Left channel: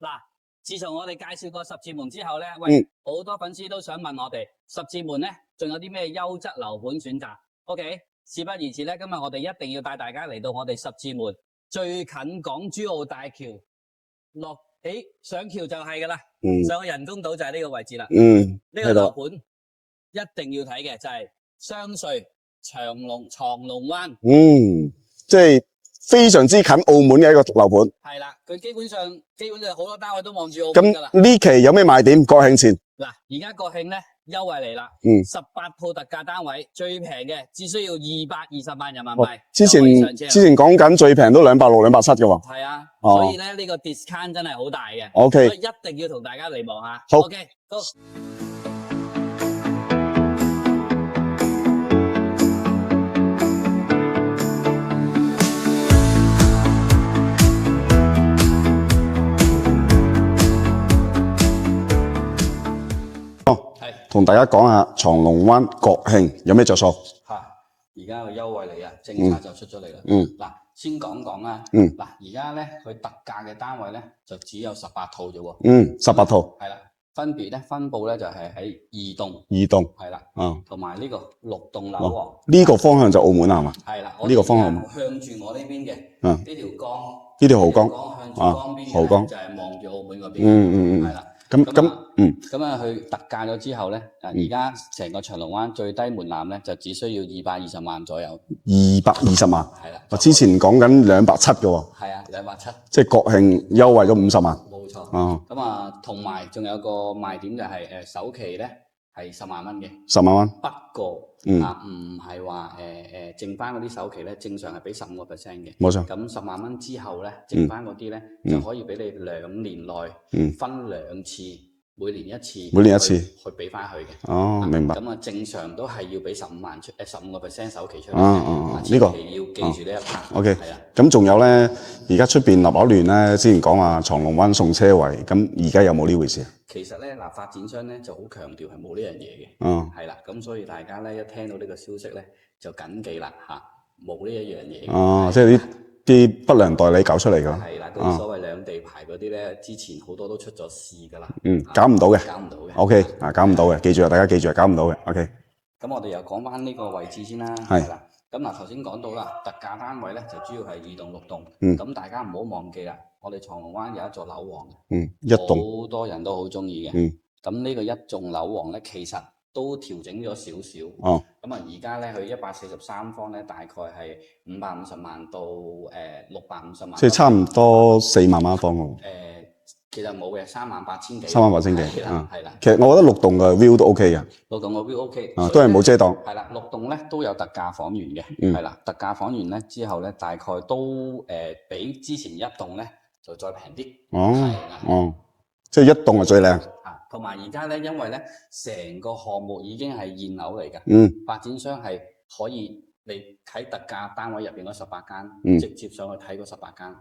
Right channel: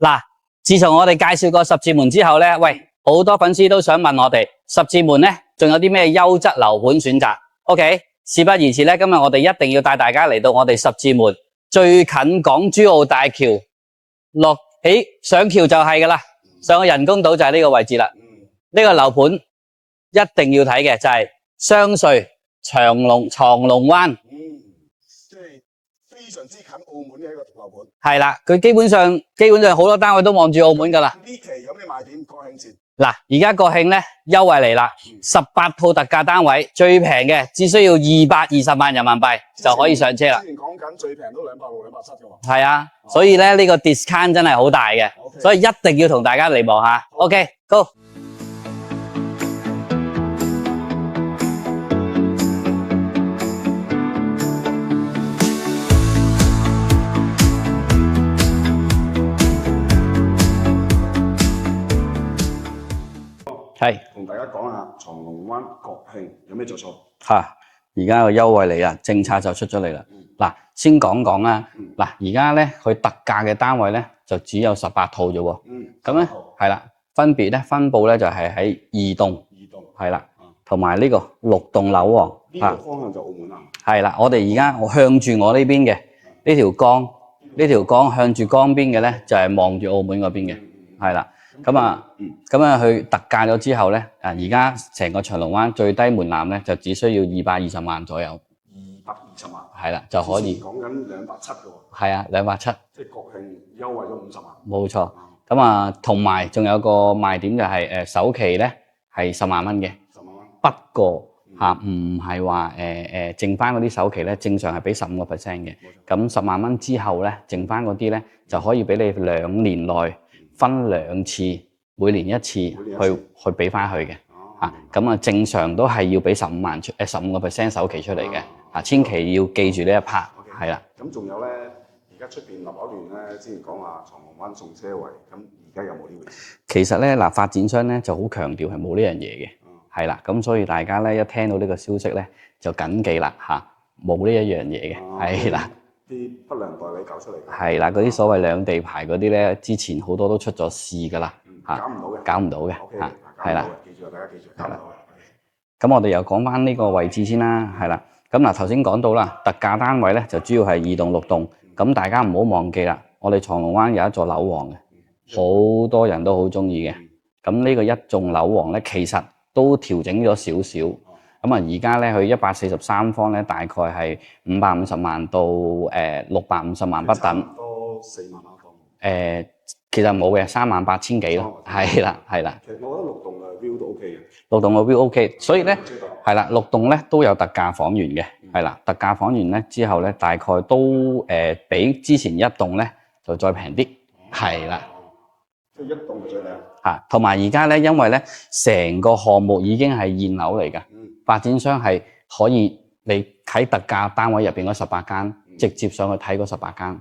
嗱，自從我哋介紹過十字門之後咧，喂，好多粉絲都想問我哋十字門咧，仲有啲咩優質樓盤選擇 ？OK， 事不宜遲咧，今日我哋一定要帶大家嚟到我哋十字門最近港珠澳大橋上橋就係噶啦，上個人工島就係呢個位置啦。呢個樓盤一定要睇嘅就係雙隧長龍灣。即係非常之近澳門嘅一個樓盤。係啦，佢基本上好多單位都望住澳門噶啦。呢期有咩賣點？國慶前嗱，而家國慶咧優惠嚟啦，18套特價單位，最平嘅只需要220萬人民幣就可以上車啦。之前講緊最平都260、270嘅喎。係啊，所以咧呢個 discount 真係好大嘅。OK， 所以一定要同大家嚟望下。好 ，OK，Go。係同大家講下長龍灣國慶有咩着數吓，而家個優惠嚟啦，政策就出咗嚟啦。嗱，先講講啦。嗱，而家咧佢特價嘅單位咧就只有18套啫喎。18套係啦，分別咧分佈咧就係喺2棟係啦，同埋呢個6棟樓喎。呢個方向就澳門係嘛？係啦，我哋而家向住我呢邊嘅呢條江，呢條江向住江邊嘅咧就係望住澳門嗰邊嘅，係啦。咁啊，佢特價咗之後咧，而家成個長龍灣最低門檻咧就只需要220萬左右。220萬，係啦。之前講緊270嘅喎。係啊，270。即係國慶優惠咗50萬。冇錯。咁啊，同埋仲有個賣點就係首期咧係10萬蚊嘅。10萬蚊。不過唔係話剩翻嗰啲首期咧，正常係俾15%嘅。冇錯。咁10萬蚊之後咧，剩翻嗰啲咧就可以俾你2年內分2次，每年一次去俾翻佢嘅。明白。咁啊，正常都係要俾15% 首期出嚟嘅。千祈要記住呢一 part。OK。係啦。咁仲有咧，而家出邊立立亂咧，之前講話長龍灣送車位，咁而家有冇呢回事？其實咧發展商咧就好強調係冇呢樣嘢嘅。係啦，咁所以大家咧一聽到呢個消息咧就緊記啦嚇，冇呢一樣嘢嘅。即係啲不良代理搞出嚟㗎。係啦，嗰啲所謂兩地牌嗰啲咧，之前好多都出咗事㗎啦。搞唔到嘅。搞唔到嘅。OK，搞唔到嘅，記住啊，大家記住啊，搞唔到嘅。OK。咁我哋又講翻呢個位置先啦。係啦。咁嗱頭先講到啦，特價單位咧就主要係2棟6棟。咁大家唔好忘記啦，我哋長龍灣有一座樓王嘅。好多人都好中意嘅。咁呢個一棟樓王咧，其實都調整咗少少。咁啊，而家咧佢143方咧，大概係550萬到650萬。即係差唔多4萬蚊一方喎。其實冇嘅，38000幾。38000幾。係啦，係啦。其實我覺得6棟嘅 view 都 OK 嘅。6棟嘅 view OK，所以冇遮擋。係啦，6棟咧都有特價房源嘅。係啦，特價房源咧之後咧，大概都比之前一棟咧就再平啲。係啦。即係一棟係最靚。同埋而家咧，因為咧成個項目已經係現樓嚟㗎。發展商係可以你喺特價單位入邊嗰18間，直接上去睇嗰18間。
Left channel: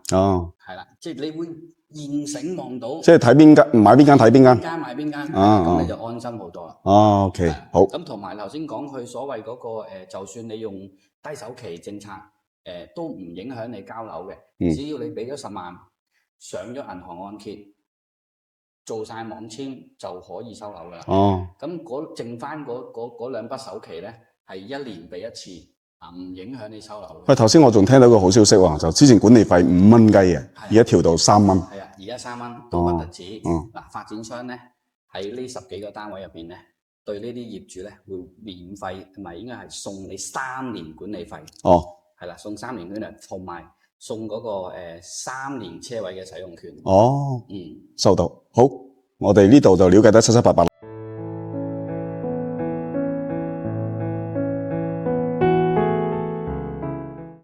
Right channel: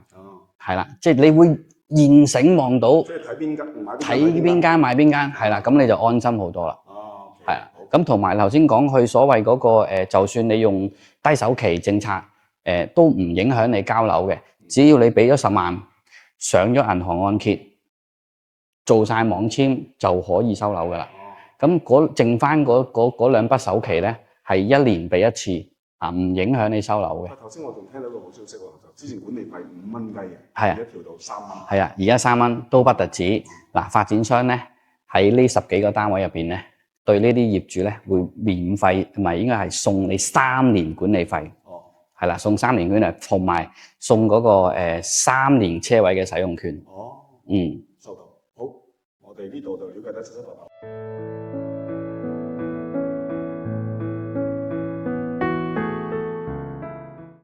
係啦，即係你會現成望到。即係睇邊間買邊間睇邊間。邊間買邊間，係啦，咁你就安心好多啦。OK，好。咁同埋頭先講佢所謂嗰個就算你用低首期政策，都唔影響你交樓嘅。只要你俾咗10萬，上咗銀行按揭。做晒網簽就可以收樓噶啦。咁剩翻嗰2筆首期咧，係1年俾1次，唔影響你收樓嘅。喂，頭先我仲聽到個好消息喎，就之前管理費5蚊雞嘅，而家調到3蚊。係啊，而家3蚊都不特止。嗱，發展商咧喺呢10幾個單位入邊咧，對呢啲業主咧會免費，同埋應該係送你3年管理費。係啦，送3年管理費，同埋送嗰個3年車位嘅使用權。收到。好，我哋呢度就了解得七七八八。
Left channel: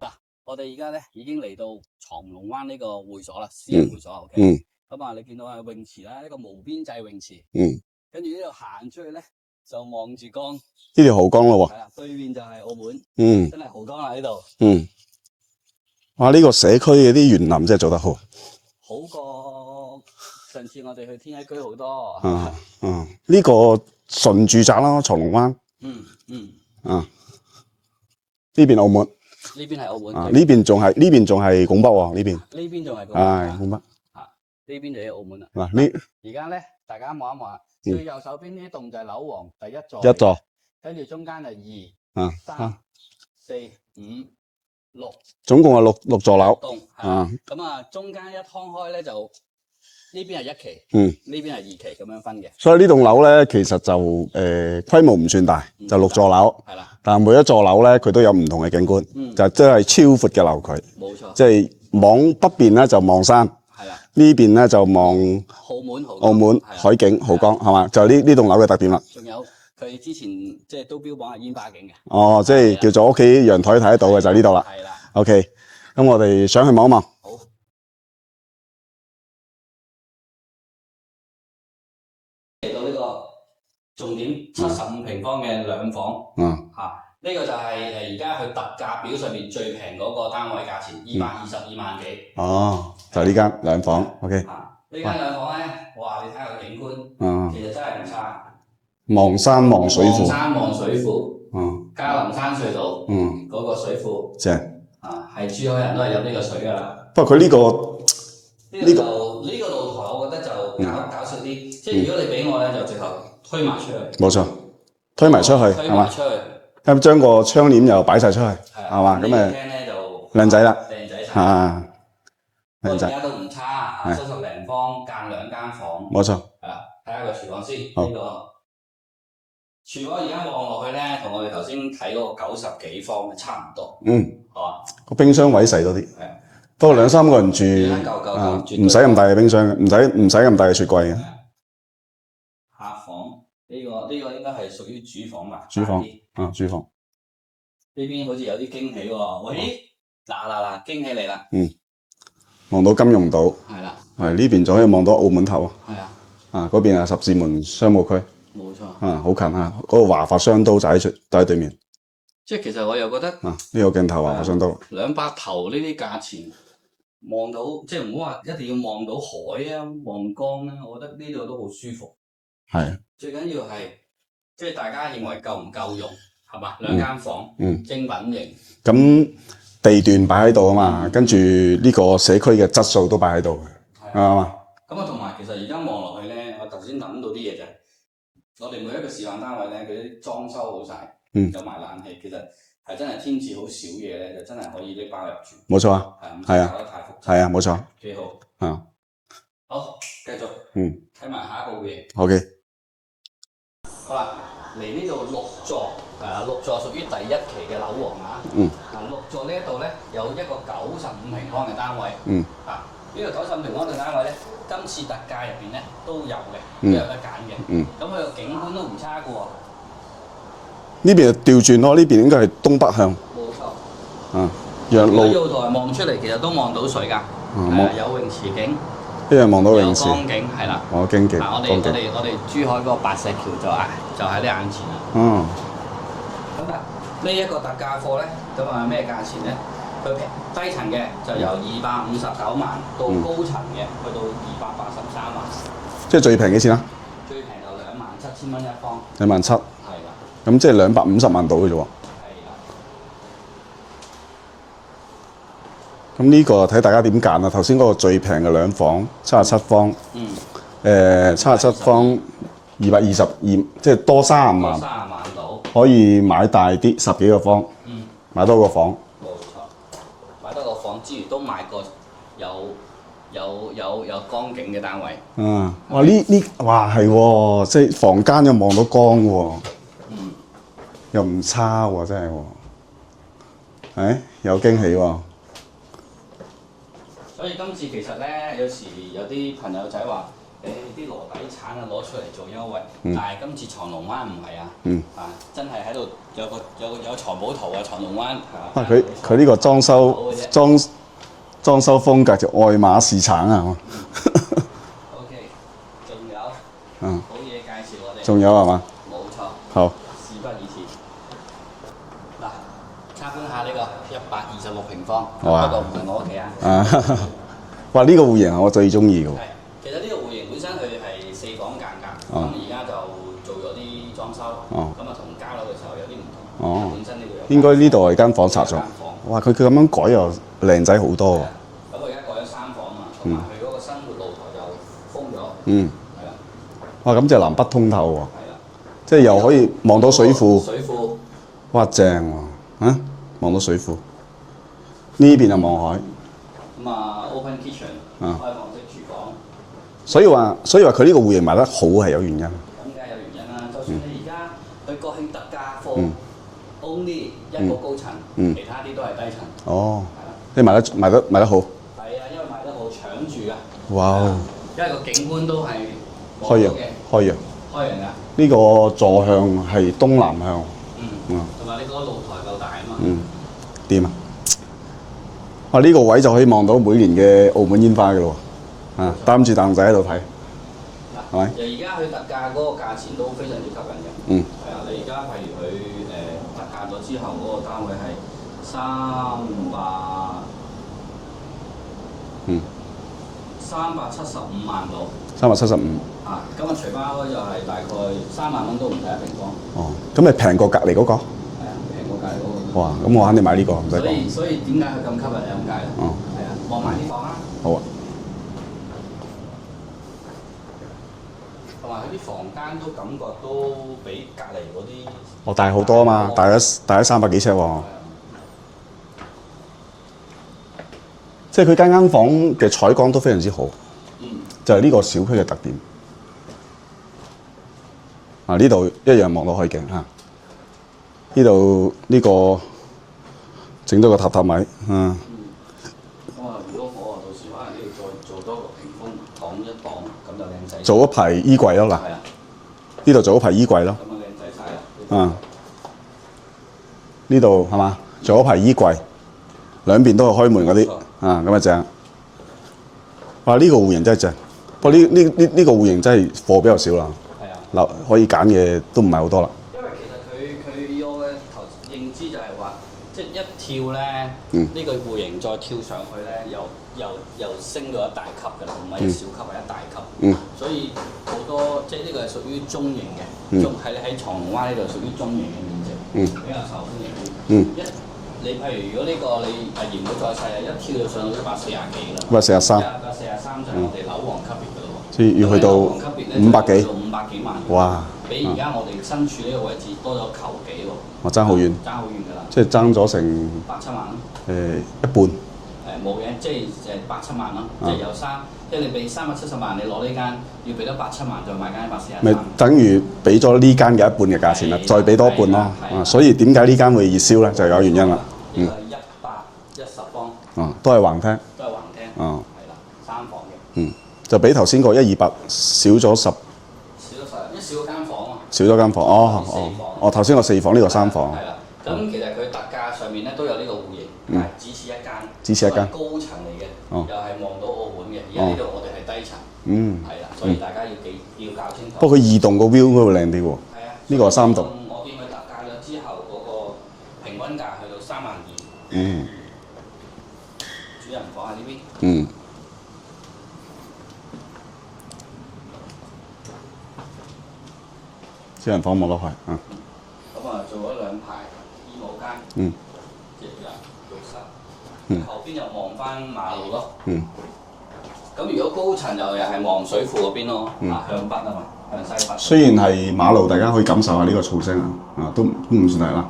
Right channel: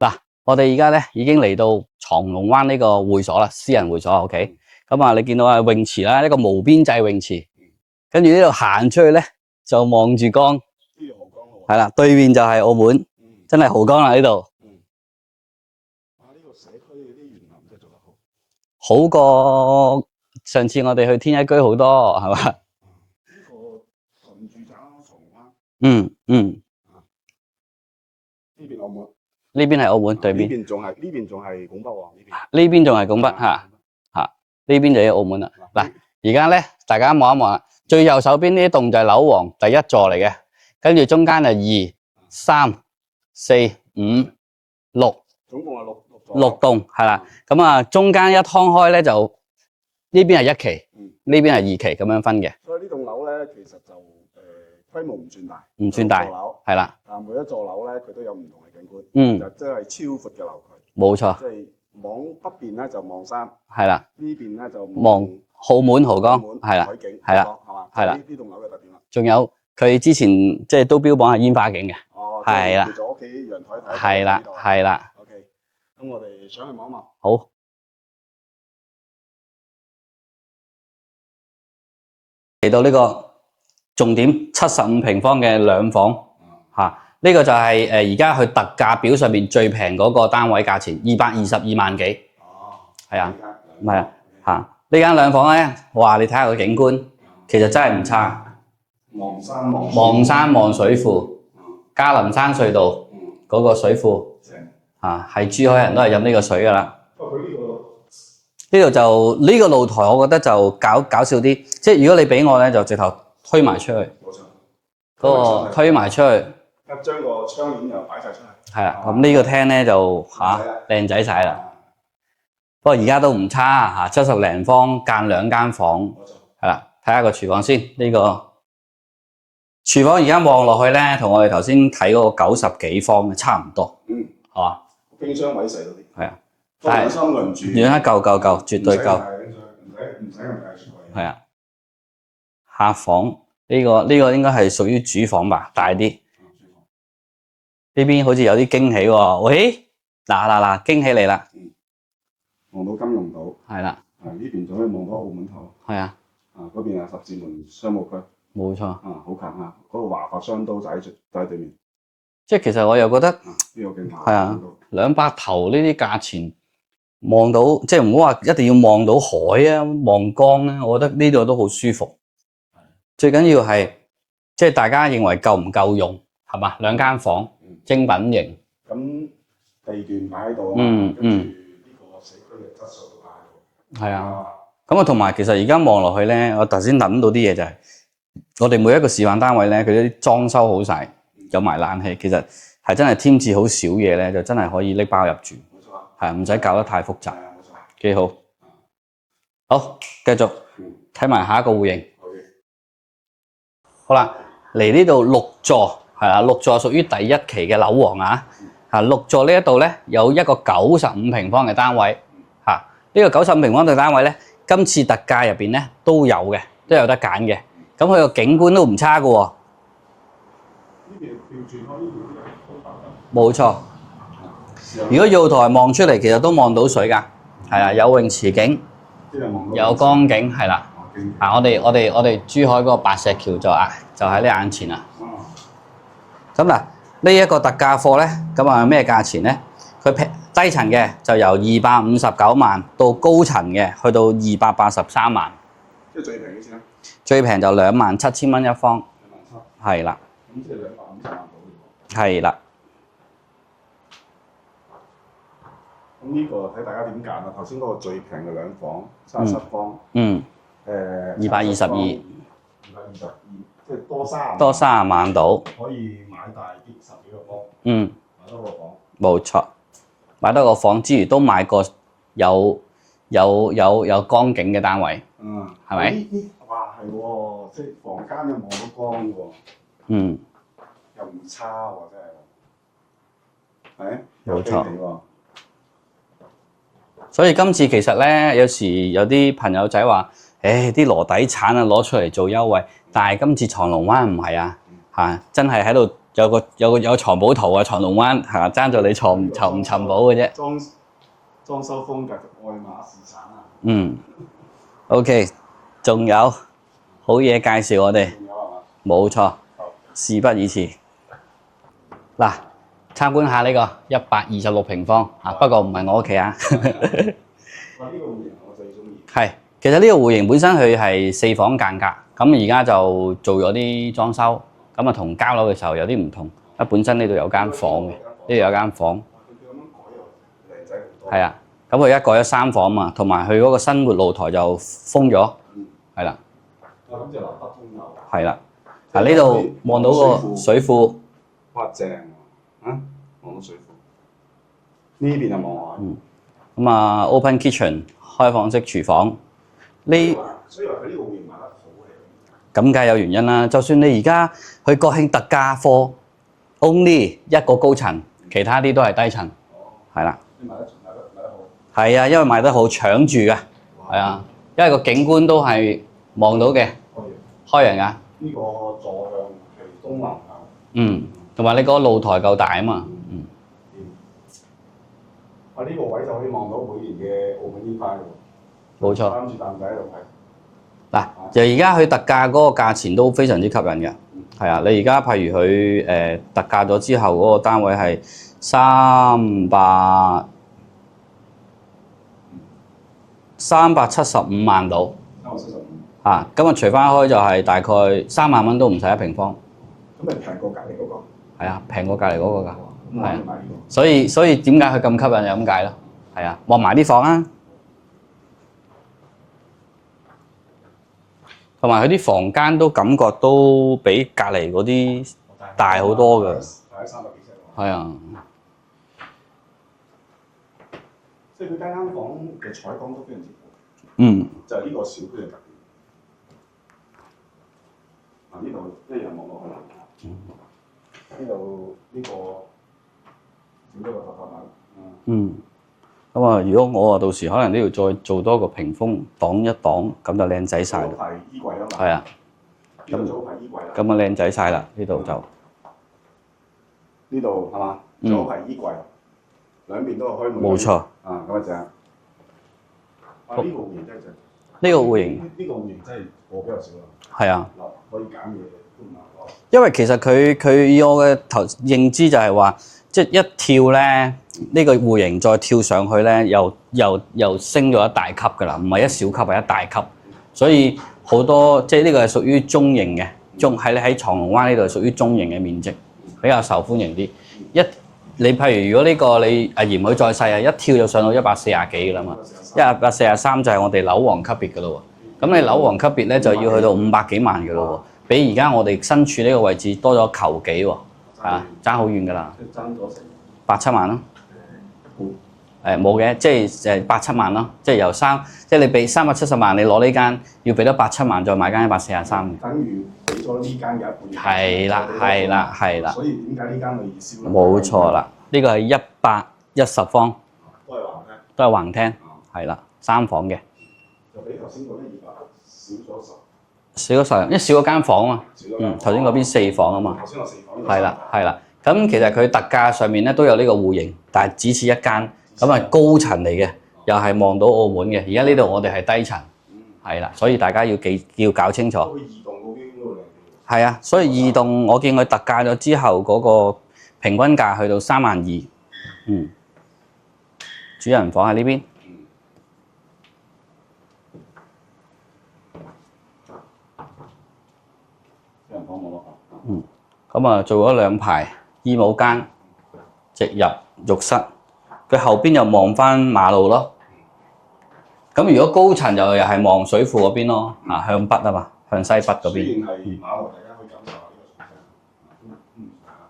嗱，我哋而家咧已經嚟到長龍灣呢個會所啦，私人會所。OK，咁啊，你見到啊泳池啦，一個無邊際泳池。跟住呢度行出去咧，就望住江。呢條濠江咯喎。係啦，對面就係澳門。真係濠江啦呢度。哇！呢個社區嘅啲園林真係做得好，好過上次我哋去天一居好多，係嘛？呢個純住宅啦，長龍灣。呢邊澳門。呢邊係澳門，對面。呢邊仲係拱北喎，呢邊。呢邊仲係拱北嚇。呢邊就係澳門啦。嗱嗱，而家咧大家望一望啦，最右手邊呢啲棟就係樓王第一座嚟嘅，跟住中間就2、3、4、5、6，總共係六座樓。6棟係啦。咁啊，中間一劏開咧就呢邊係1期，呢邊係2期咁樣分嘅。所以呢棟樓咧，其實就規模唔算大，就6座樓。係啦，但係每一座樓咧，佢都有唔同嘅景觀，就真係超闊嘅樓距。冇錯。即係往北邊咧就望山，係啦。呢邊咧就望澳門豪江，係啦，海景豪江係嘛？就係呢棟樓嘅特點啦。仲有佢之前即係都標榜係煙花景嘅。哦，即係叫做屋企陽台睇得到嘅就係呢度啦。係啦。OK，咁我哋上去望一望。好。嚟到呢個重點，75平方嘅兩房，呢個就係而家佢特價表上面最平嗰個單位價錢，222萬幾。哦，就呢間兩房。OK，呢間兩房咧，哇！你睇下個景觀，其實真係唔差。望山望水庫。望山望水庫。嘉林山隧道。嗰個水庫。正。係珠海人都係飲呢個水㗎啦。不過佢呢個。呢度就呢個露台，我覺得就搞笑啲。即係如果你俾我咧，就直頭推埋出去。冇錯，推埋出去。推埋出去。咁將個窗簾又擺晒出去。係啊，咁呢個廳咧就靚仔啦，靚仔晒啦。不過而家都唔差嚇，70零方間2間房。冇錯。係啦，睇下個廚房先。呢個廚房而家望落去咧，同我哋頭先睇嗰個90幾方嘅差唔多。係嘛？個冰箱位細多啲。係啊。多2、3個人住，夠，絕對唔使咁大嘅冰箱，唔使咁大嘅雪櫃嘅。係啊，客房呢個應該係屬於主房吧，大啲。主房呢邊好似有啲驚喜喎。喂，嗱，驚喜嚟啦。望到金融島。係啦。係呢邊仲可以望到澳門頭。係啊。嗰邊係十字門商務區。冇錯。好近啊！嗰個華發商都就喺對面。即係其實我又覺得呢個鏡頭華發商都200頭呢啲價錢。望到即係唔好話一定要望到海啊，望江咧，我覺得呢度都好舒服。係最緊要係即係大家認為夠唔夠用係嘛？2間房，精品型。咁地段擺喺度啊嘛，跟住呢個社區嘅質素都擺喺度嘅。係啊，咁啊同埋其實而家望落去咧，我頭先諗到啲嘢就係我哋每一個示範單位咧，佢啲裝修好晒，有埋冷氣，其實。係真係添置好少嘢咧，就真係可以拎包入住。冇錯啊，係唔使搞得太複雜。係啊，冇錯，幾好。好，繼續。睇埋下一個戶型。OK。好啦，嚟呢度6座，係啦，6座屬於第1期嘅樓王啊。6座呢一度咧有一個95平方嘅單位。呢個95平方嘅單位咧，今次特價入邊咧都有嘅，都有得揀嘅。咁佢個景觀都唔差㗎喎。呢邊就調轉咯，呢邊應該係東北向。冇錯。如果露台望出嚟，其實都望到水㗎。係啊，有泳池景。呢樣望到泳池。有江景，係啦。哦，經景。我哋珠海嗰個白石橋就喺你眼前啦。咁嗱，呢一個特價貨咧，咁啊咩價錢咧？佢低層嘅就由259萬到高層嘅去到283萬。即係最平幾錢啊？最平就27,000蚊一方。27,000。係啦。咁即係250萬到嘅啫喎。係啦。咁呢個睇大家點揀啦。頭先嗰個最平嘅2房77方。77方222，即係多30萬。多30萬到。可以買大啲10幾個方。買多個房。冇錯。買多個房之餘都買個有江景嘅單位。哇係喎，即係房間又望到江喎。又唔差喎，真係喎，有驚喜喎。所以今次其實咧，有時有啲朋友仔話，啲羅底產啊攞出嚟做優惠，但係今次長龍灣唔係啊，真係喺度有藏寶圖啊，長龍灣爭到你藏。佢呢個裝修嘅啫，裝修風格就愛馬仕橙啊。OK， 仲有好嘢介紹我哋。仲有係嘛？冇錯。好。事不宜遲。嗱，參觀下呢個126平方，不過唔係我屋企啊。哇！呢個戶型我最中意嘅。係，其實呢個戶型本身佢係4房間隔，咁而家就做咗啲裝修，咁啊同交樓嘅時候有啲唔同。本身呢度有間房。應該呢度係間房。呢度有間房。哇！佢咁樣改又靚仔好多。係啊，咁佢而家改咗3房嘛，同埋佢嗰個生活露台就封咗。係啦。哇！咁就南北通透喎。係啦。即係又可以望到水庫。水庫。哇！正喎，啊，望到水庫。呢邊就望海。咁啊，open kitchen，開放式廚房。所以話佢呢個戶型賣得好係有原因。咁梗係有原因啦。就算你而家去國慶特價貨，only 一個高層，其他啲都係低層。哦，係啦。你賣得好。係啊，因為賣得好搶住㗎。哇！因為個景觀都係望到嘅。開揚㗎。呢個坐向係東南向。同埋你嗰個露台夠大啊嘛。掂啊！哇！呢個位就可以望到每年嘅澳門煙花㗎咯喎。冇錯。擔住凳仔喺度睇。嗱，就而家佢特價嗰個價錢都非常之吸引嘅。係啊，你而家譬如佢特價咗之後嗰個單位係375萬到。375。啊，咁啊除翻開就係大概3萬蚊都唔使一平方。哦，咁咪平過隔離嗰個？係啊，平過隔離嗰個㗎。哇！咁我肯定買呢個。所以點解佢咁吸引就咁解咯。係啊，望埋啲房啊。好啊。同埋佢啲房間都感覺都比隔離嗰啲大好多嘛，大咗300幾尺喎。係啊，即係佢間房嘅採光都非常之好。就係呢個小區嘅特點。啊，呢度一樣望到海景嚇。呢度呢個整多個榻榻米。咁啊，如果我到時可能都要再做多個屏風擋一擋，咁就靚仔。做一排衣櫃咯嗱。係啊。呢度做一排衣櫃咯。咁啊靚仔晒啦，呢度就。呢度係嘛？做一排衣櫃，兩邊都係開門嗰啲。冇錯。咁啊正。哇！呢個戶型真係正。呢個戶型真係貨比較少啦。係啊。嗱，可以揀嘅都唔係好多啦。因為其實佢以我嘅認知就係話。即係一跳咧，呢個戶型再跳上去咧，又升咗一大級㗎啦，唔係一小級係一大級。所以好多即係呢個係屬於中型嘅，喺長龍灣呢度係屬於中型嘅面積，比較受歡迎啲。你譬如如果呢個你嫌佢再細啊，一跳就上到140幾㗎啦嘛。143就係我哋樓王級別㗎咯喎。咁你樓王級別咧就要去到500幾萬㗎喎，比而家我哋身處呢個位置多咗球幾喎。爭好遠，爭好遠㗎啦！即係爭咗成8、7萬咯。一半。冇嘅，即係8、7萬咯。即係由即係你俾370萬，你攞呢間要俾多8、7萬，再買間143。等於俾咗呢間嘅一半嘅價錢啦，再俾多一半啦。所以點解呢間會熱銷咧？就係有原因啦。呢個係110方。都係橫廳。都係橫廳。係啦，3房嘅。就比頭先個128少咗10。少咗10，因為少咗間房啊嘛。少咗間房。頭先嗰邊4房啊嘛。頭先個4房，呢個3房。係啦，咁其實佢特價上面咧都有呢個戶型，但係只此一間，咁係高層嚟嘅，又係望到澳門嘅。而家呢度我哋係低層，係啦，所以大家要搞清楚。不過佢移動個 view 應該會靚啲喎。係啊，所以移動我見佢特價咗之後，嗰個平均價去到32000。主人房喺呢邊。主人房望落去，咁啊做咗2排衣帽間，直入浴室，佢後邊又望翻馬路咯。咁如果高層又係望水庫嗰邊咯，向北啊嘛，向西北。雖然係馬路，大家可以感受下呢個噪聲都唔算係啦。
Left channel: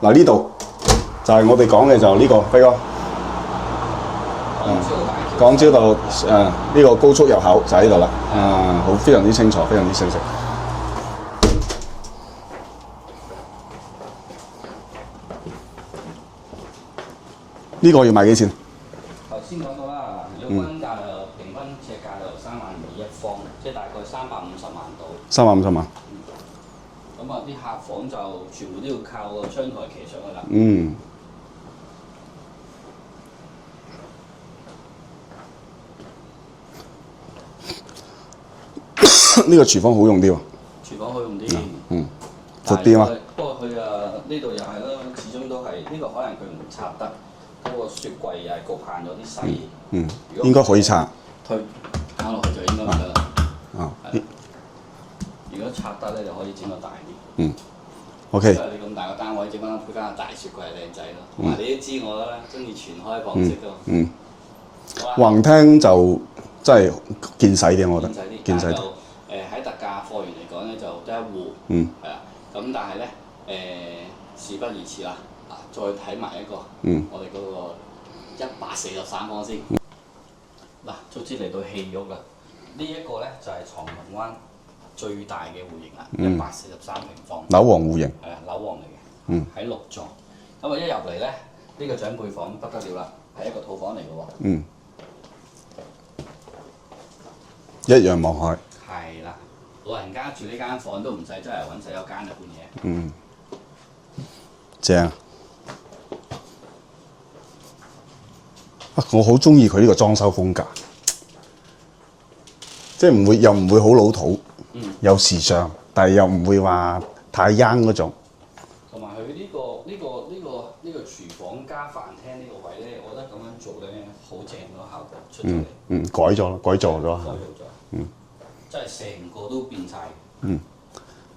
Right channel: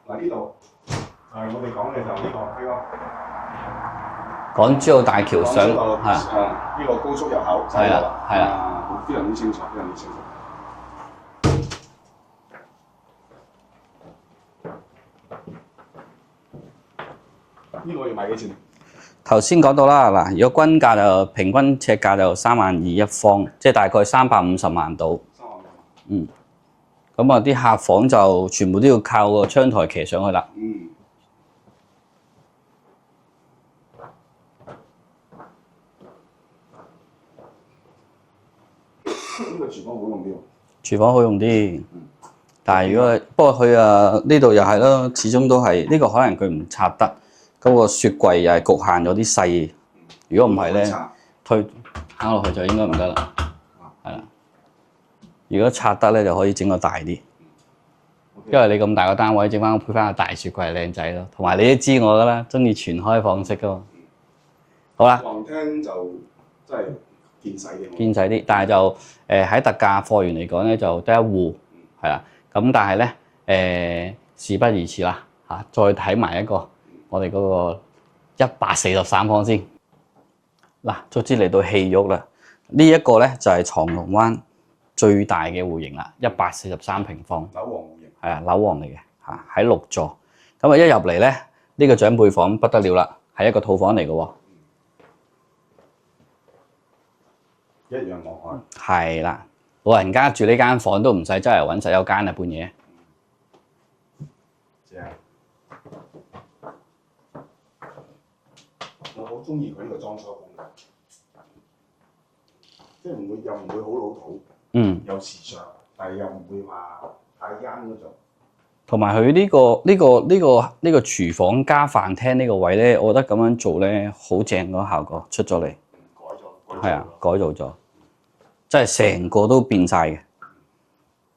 嗱，呢度就係我哋講嘅就呢個輝哥。港珠澳大橋。港珠澳呢個高速入口就喺呢度啦。好，非常之清楚，非常之清晰。呢個要賣幾錢？頭先講到啦，嗱，如果均價就平均尺價就32000一方，即係大概350萬到。350萬。咁啊，啲客房就全部都要靠個窗台騎上去啦。呢個廚房好用啲喎。廚房好用啲。但係不過佢呢度又係咯，始終都係呢個可能佢唔拆得。嗰個雪櫃又係局限咗啲細，如果應該可以拆，推打落去就應該唔得啦。如果拆得咧，就可以整個大啲。OK。因為你咁大個單位，整翻配翻個大雪櫃靚仔咯。同埋你都知我噶啦，中意全開放式噶嘛。好啦，橫廳就真係見使啲，我覺得。見使啲，但係就喺特價貨源嚟講咧，就得一戶，係啦。咁但係咧事不宜遲啦，再睇埋一個，我哋嗰個143方先。嗱，卒之嚟到戲肉啦，呢一個咧就係長龍灣最大嘅戶型啦，143平方。樓王戶型。係啊，樓王嚟嘅，喺6座。咁啊一入嚟咧，呢個長輩房不得了啦，係一個套房嚟嘅喎。一樣望海。係啦，老人家住呢間房都唔使周圍揾洗手間啊，半夜。正。我好中意佢呢個裝修風格，即係又唔會好老土，有時尚，但係又唔會話太 young 嗰種。同埋佢呢個廚房加飯廳呢個位咧，我覺得咁樣做咧好正嗰個效果出咗嚟。改咗啦，改造咗。即係成個都變晒嘅。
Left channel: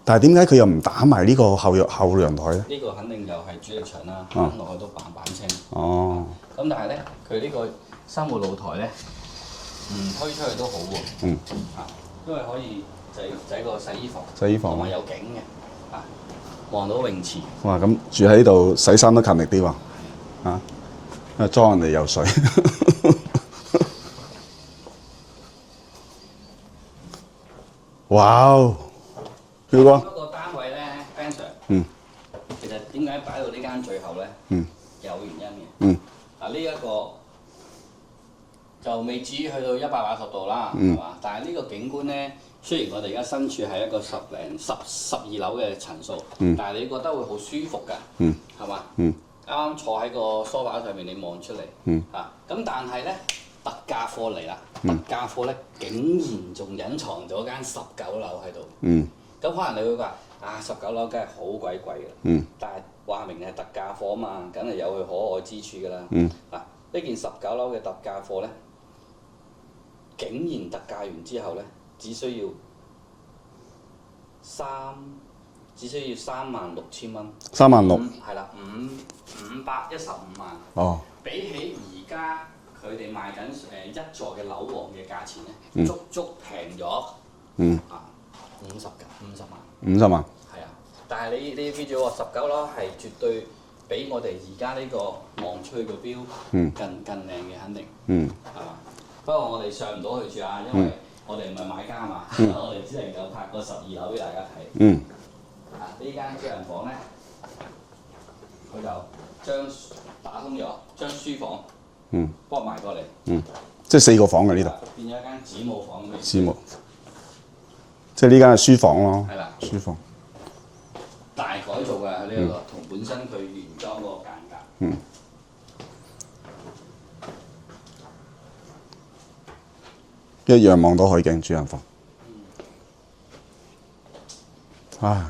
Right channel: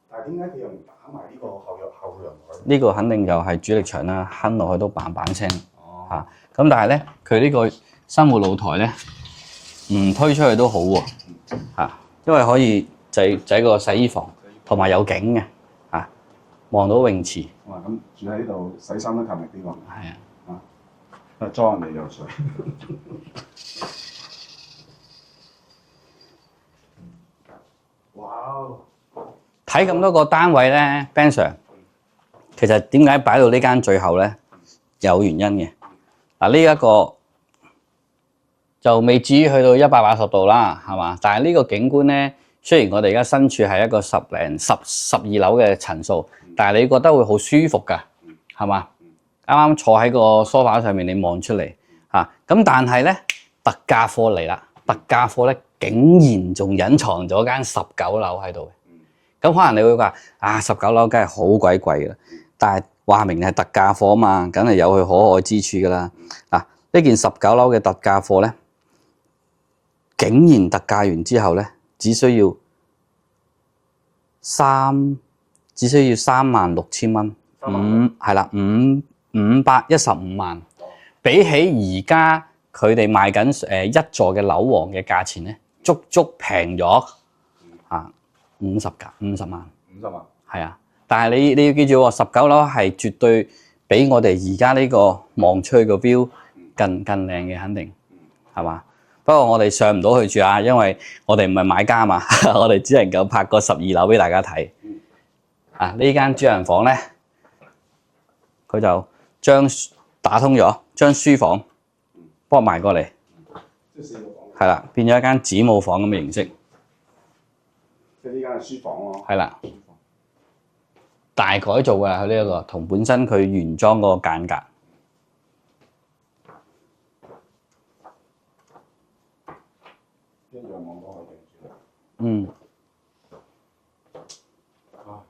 但係點解佢又唔打埋呢個後陽台咧？呢個肯定就係主力牆啦，坑落去都嘭嘭聲。哦。咁但係咧，佢呢個生活露台咧，唔推出去都好喎。因為可以就係個洗衣房，同埋有景嘅，望到泳池。哇！咁住喺度洗衫都勤力啲喎。係啊。因為裝人哋游水。哇！睇咁多個單位咧 Ben Sir，其實點解擺到呢間最後咧？有原因嘅。嗱，呢一個就未至於去到180度啦，係嘛？但係呢個景觀咧，雖然我哋而家身處係一個12樓嘅層數，但係你覺得會好舒服㗎，係嘛？啱啱坐喺個梳化上面，你望出嚟，咁但係咧特價貨嚟啦，特價貨咧竟然仲隱藏咗間19樓喺度。咁可能你會話19樓梗係好鬼貴㗎，但係話明係特價貨啊嘛，梗係有佢可愛之處㗎啦。呢件19樓嘅特價貨咧，竟然特價完之後咧，只需要36,000蚊。36,000係啦，515萬。哦。比起而家佢哋賣緊一座嘅樓王嘅價錢咧，足足平咗。50萬。50萬。係啊，但係你要記住喎，19樓係絕對比我哋而家呢個望出去個標更靚嘅，肯定。係嘛？不過我哋上唔到去住啊，因為我哋唔係買家嘛，我哋只能夠拍個12樓俾大家睇。呢間主人房咧，佢就打通咗，將書房幫我埋過嚟。即係4個房嘅呢個。係啦，變咗一間子母房咁嘅形式。即係呢間係書房咯。係啦，書房。大改造㗎，佢呢個同本身佢原裝嗰個間隔。一樣望到海景主人房。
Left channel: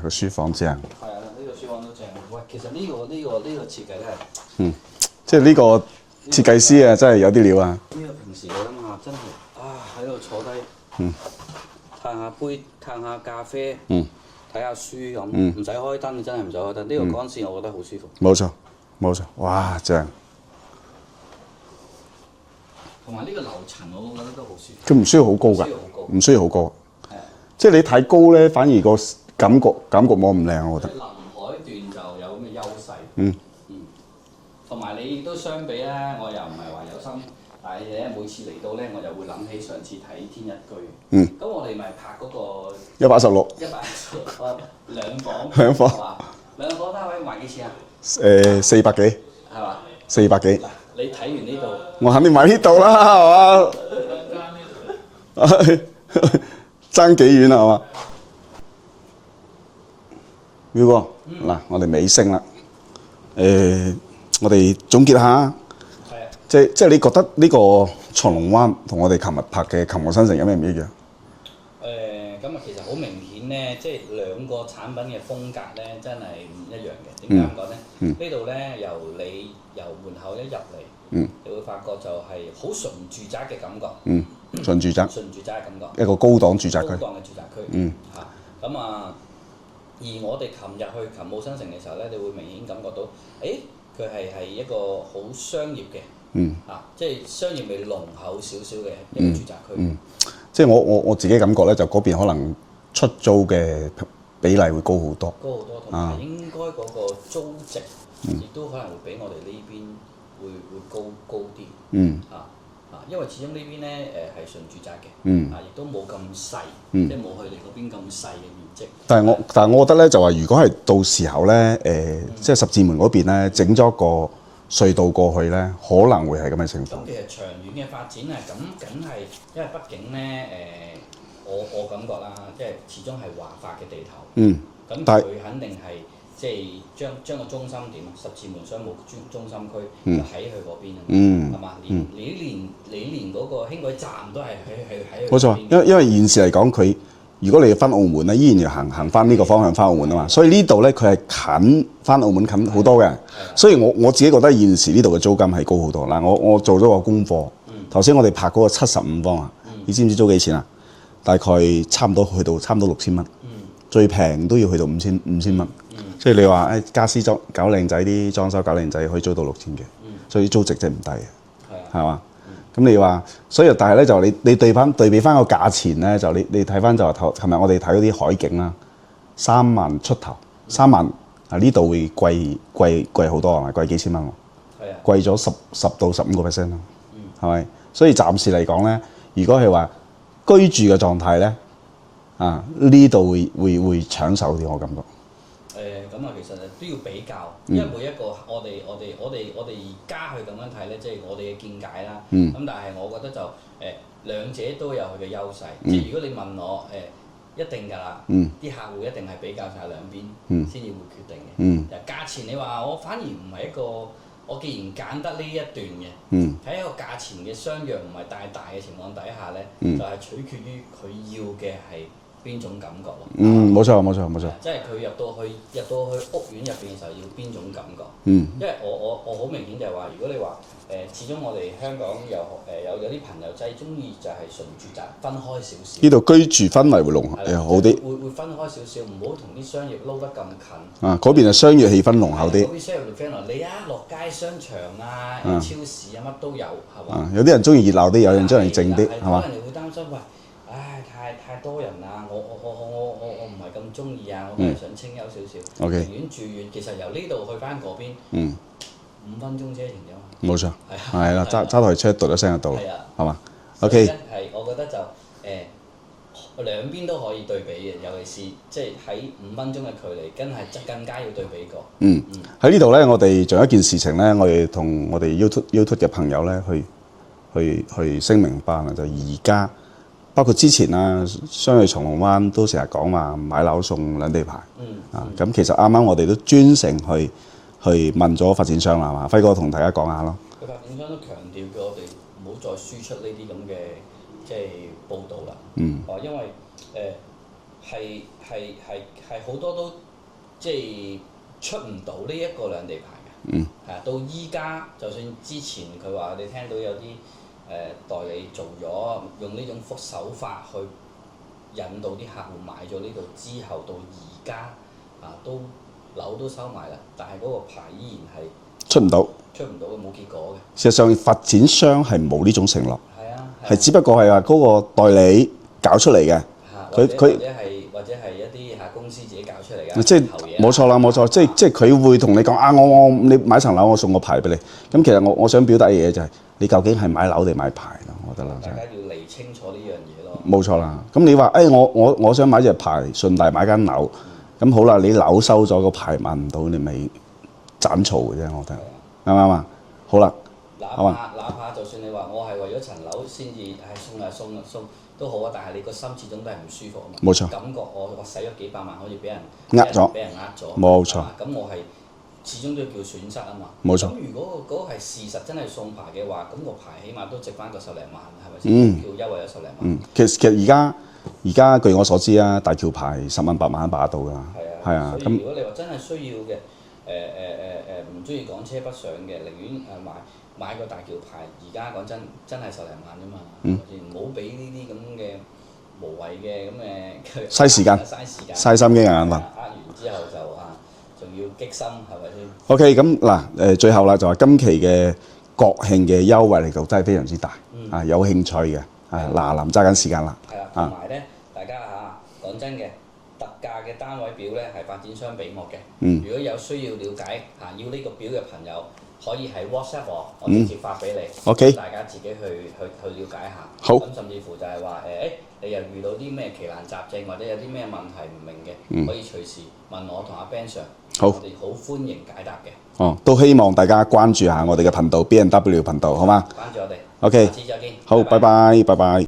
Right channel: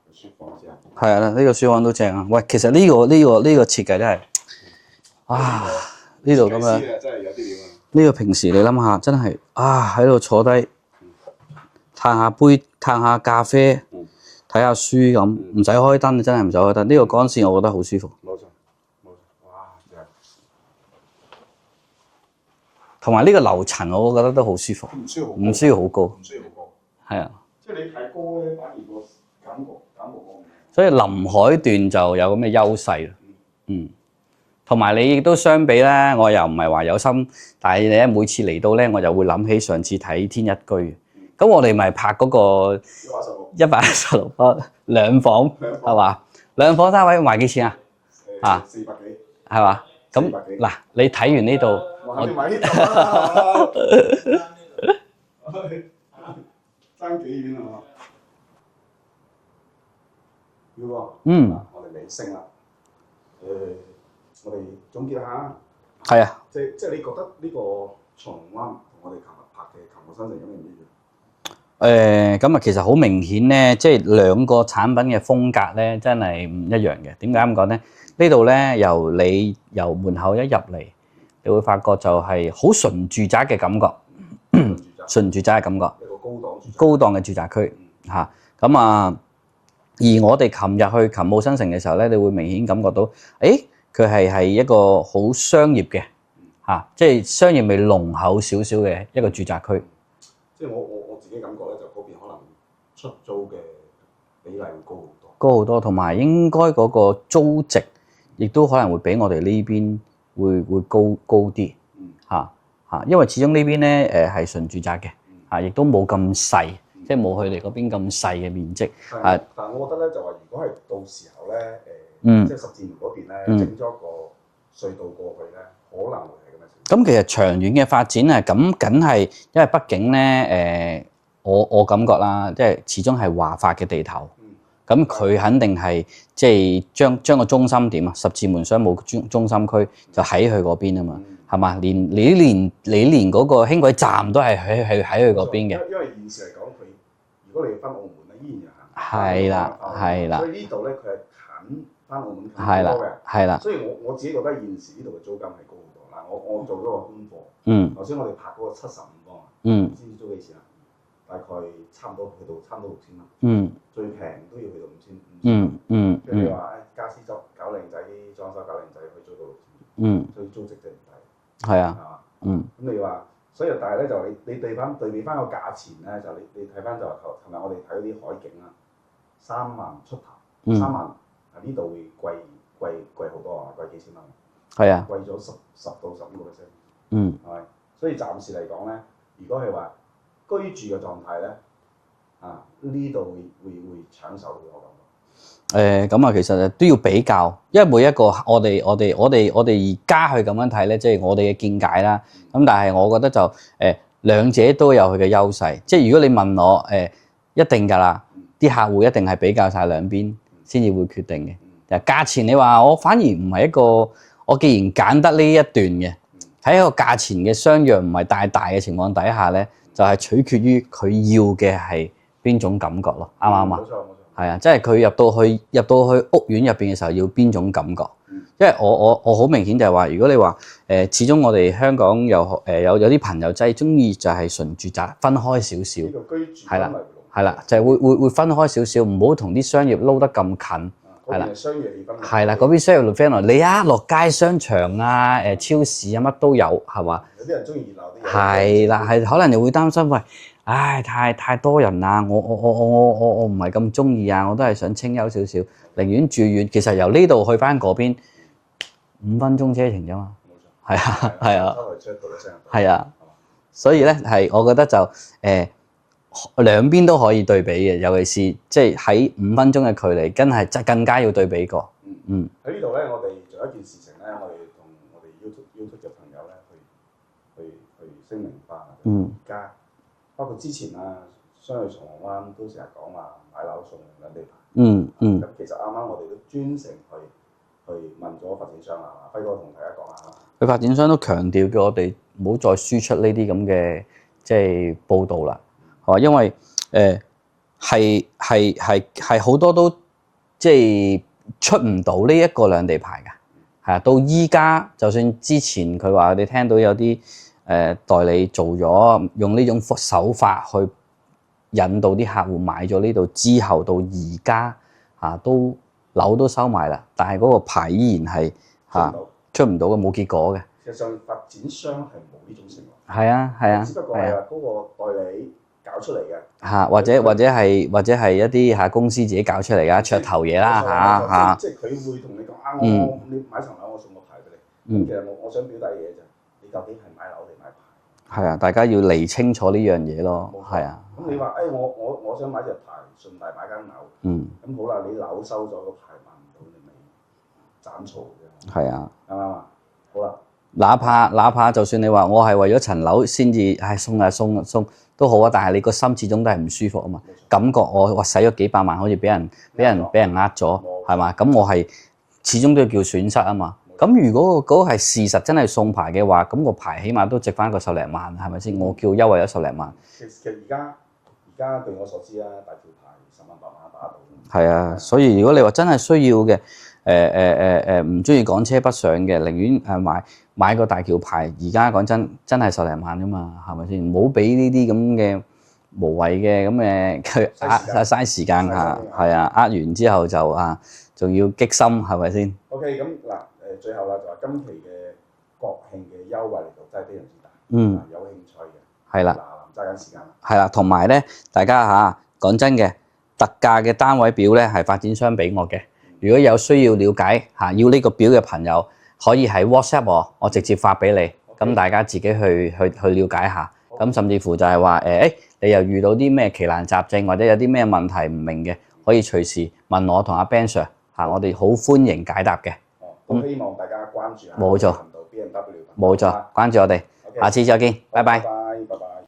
個書房正。係啊，呢個書房都正啊！喂，其實呢個設計真係，即係呢個設計師啊，真係有啲料啊！呢個平時你諗下，真係喺度坐低，嘆下杯，嘆下咖啡，睇下書咁，唔使開燈，真係唔使開燈。呢個光線我覺得好舒服。冇錯，哇，正！同埋呢個樓層，我覺得都好舒服。佢唔需要好高。唔需要好高。係啊。即係你太高咧，反而個感覺冇咁靚。所以臨海段就有咁嘅優勢。同埋你亦都相比咧，我又唔係話有心，但係你咧每次嚟到咧，我就會諗起上次睇天一居。咁我哋咪拍嗰個116方兩房係嘛？兩房單位賣幾錢啊？400幾係嘛？400幾。嗱，你睇完呢度，我肯定買呢度啦，係嘛？爭幾遠啊，係嘛？彪哥，嗱，我哋尾聲啦。我哋總結下。係啊。即係你覺得呢個長龍灣同我哋琴日拍嘅琴河新城有咩唔一樣？咁啊，其實好明顯咧，即係兩個產品嘅風格咧，真係唔一樣嘅。點解咁講咧？呢度咧由門口一入嚟，你會發覺就係好純住宅嘅感覺。純住宅嘅感覺。一個高檔住宅。高檔嘅住宅區。咁啊，而我哋琴日去勤務新城嘅時候咧，你會明顯感覺到，佢係一個好商業嘅，即係商業味濃厚少少嘅一個住宅區。即係我自己感覺咧，就嗰邊可能出租嘅比例會高好多，高好多，同埋應該嗰個租值亦都可能會比我哋呢邊會高啲。因為始終呢邊咧係純住宅嘅，亦都冇咁細，即係冇佢哋嗰邊咁細嘅面積。但係我覺得咧就話，如果係到時候咧即係十字門嗰邊咧整咗個隧道過去咧，可能會係咁嘅情況。咁其實長遠嘅發展係咁，梗係因為畢竟咧我感覺啦，即係始終係華發嘅地頭。咁佢肯定係即係將個中心點啊，十字門商務中心區就喺佢嗰邊啊嘛，係嘛？你連嗰個輕軌站都係喺佢嗰邊嘅。因為現時嚟講，佢如果你要翻澳門咧，依然要行翻呢個方向翻澳門啊嘛。所以呢度咧佢係近翻澳門近好多嘅。係啦。所以我自己覺得現時呢度嘅租金係高好多。嗱，我做咗個功課。頭先我哋拍嗰個75方啊，你知唔知租幾錢啊？大概差唔多去到差唔多6000蚊，最平都要去到5000蚊，所以你話家私搞靚仔啲裝修搞靚仔可以租到6000嘅，所以租值真係唔低嘅，係嘛？咁你話，所以但係咧就你對比翻個價錢咧，就你睇翻就話琴日我哋睇嗰啲海景啦，3萬出頭，3萬啊呢度會貴好多係咪？貴幾千蚊喎？係啊，貴咗10到15% 咯，係咪？所以暫時嚟講咧，如果係話居住嘅狀態咧，呢度會搶手啲，我感覺。咁啊，其實都要比較，因為每一個我哋而家去咁樣睇咧，即係我哋嘅見解啦。咁但係我覺得就兩者都有佢嘅優勢。即係如果你問我一定㗎啦，啲客戶一定係比較晒兩邊先至會決定嘅。價錢你話我反而唔係一個。我既然揀得呢一段嘅，喺一個價錢嘅相若唔係大嘅情況底下咧，就係取決於佢要嘅係邊種感覺咯，啱唔啱？冇錯。係啊，即係佢入到去屋苑入邊嘅時候要邊種感覺？因為我好明顯就係話，如果你話始終我哋香港有啲朋友仔中意就係純住宅分開少少。呢度居住氛圍會濃厚啲，就係會分開少少，唔好同啲商業撈得咁近。嗰邊係商業氣氛濃厚啲。係啦，嗰邊商業氣氛濃，你落街商場啊、超市啊乜都有，係嘛？有啲人中意熱鬧啲，有啲人中意靜啲。係可能又會擔心喂。唉，太多人啦！我唔係咁中意啊！我都係想清幽少少，寧願住遠。其實由呢度去翻嗰邊，5分鐘車程啫嘛。冇錯，係啦，揸台車嘟一聲就到。係啊，係嘛？所以咧係，我覺得就兩邊都可以對比嘅，尤其是即係喺5分鐘嘅距離，真係更加要對比過。喺呢度咧，我哋仲有一件事情咧，我哋同我哋 YouTube 嘅朋友咧去聲明翻啊，就而家。包括之前啊，雙去松龍灣都成日講話買樓送兩地牌。咁其實啱啱我哋都專程去問咗發展商啦，係嘛？輝哥同大家講下咯。佢發展商都強調叫我哋唔好再輸出呢啲咁嘅即係報導啦。因為係好多都即係出唔到呢一個兩地牌㗎。係啊，到依家就算之前佢話你聽到有啲。代理做咗用呢種手法去引導啲客戶買咗呢度之後，到而家都樓都收埋啦，但係嗰個牌依然係出唔到嘅，冇結果嘅。事實上發展商係冇呢種承諾，係只不過係話嗰個代理搞出嚟嘅，或者係一啲公司自己搞出嚟嘅，即係投嘢啦。冇錯啦，冇錯，即係佢會同你講你買層樓，我送個牌俾你。咁其實我想表達嘅嘢就係。你究竟係買樓定買牌咯？係啊，大家要理清楚呢樣嘢咯。冇錯啦。咁你話我想買隻牌，順帶買間樓。咁好啦，你樓收咗個牌買唔到，你咪斬嘈嘅啫。我覺得係啊，啱唔啱啊？好啦，哪怕就算你話我係為咗層樓先至送都好啊，但係你個心始終都係唔舒服啊嘛。冇錯。感覺我使咗幾百萬，好似俾人呃咗，冇錯，係嘛？咁我係。始終都要叫損失啊嘛，冇錯。咁如果嗰個係事實真係送牌嘅話，咁個牌起碼都值翻個10零萬，係咪先？冇叫優惠咗10零萬。其實而家據我所知啊，大橋牌10萬8萬把到㗎。係啊，所以如果你話真係需要嘅，唔中意港車北上嘅，寧願買個大橋牌。而家講真係10零萬㗎嘛，係咪先？唔好俾呢啲咁嘅無謂嘅咁嘅嘥時間、嘥心機啊！係啊，完之後就仲要激心係咪先 ？OK， 咁嗱最後啦，就話今期嘅國慶嘅優惠力度真係非常之大，有興趣嘅係啦，嗱臨揸緊時間啦。係啦，同埋咧，大家嚇講真嘅，特價嘅單位表咧係發展商俾我嘅。如果有需要了解嚇要呢個表嘅朋友，可以喺 WhatsApp 我直接發俾你，咁大家自己去了解下。好，咁甚至乎就係話你又遇到啲咩奇難雜症或者有啲咩問題唔明嘅，可以隨時問我同阿 Ben Sir，我哋好歡迎解答嘅。都希望大家關注下我哋嘅頻道 B&W 頻道，好嗎？關注我哋。OK，下次再見。好，拜拜，拜拜。